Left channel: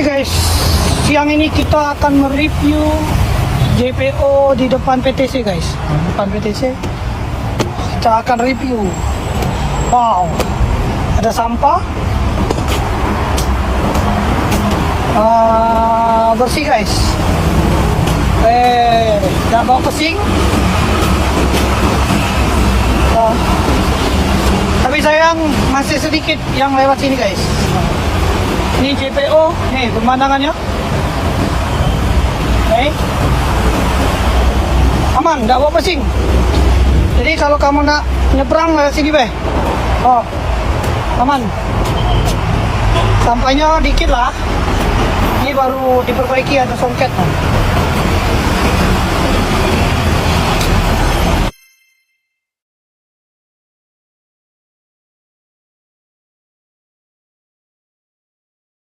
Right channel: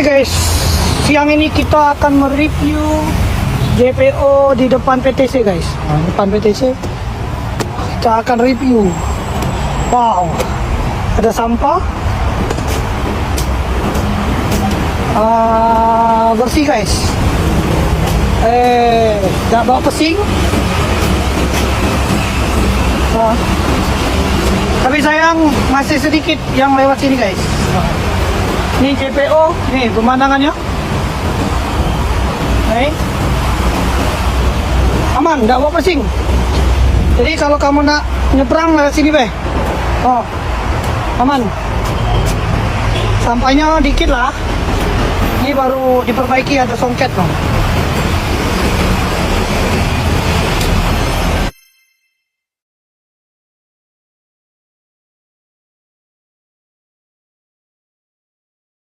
Oke guys, siang ini kita akan mereview JPO di depan PTC guys. Depan PTC kita akan review. Wow, ada sampah. Bersih guys. Nggak bawa pesing. Tapi sayang masih sedikit yang lewat sini guys. Ini JPO, nih pemandangannya. Baik. Aman, nggak bawa pesing. Jadi kalau kamu nak nyebrang lewat sini, oh, aman. Sampahnya dikit lah. Ini baru diperbaiki, ada songket.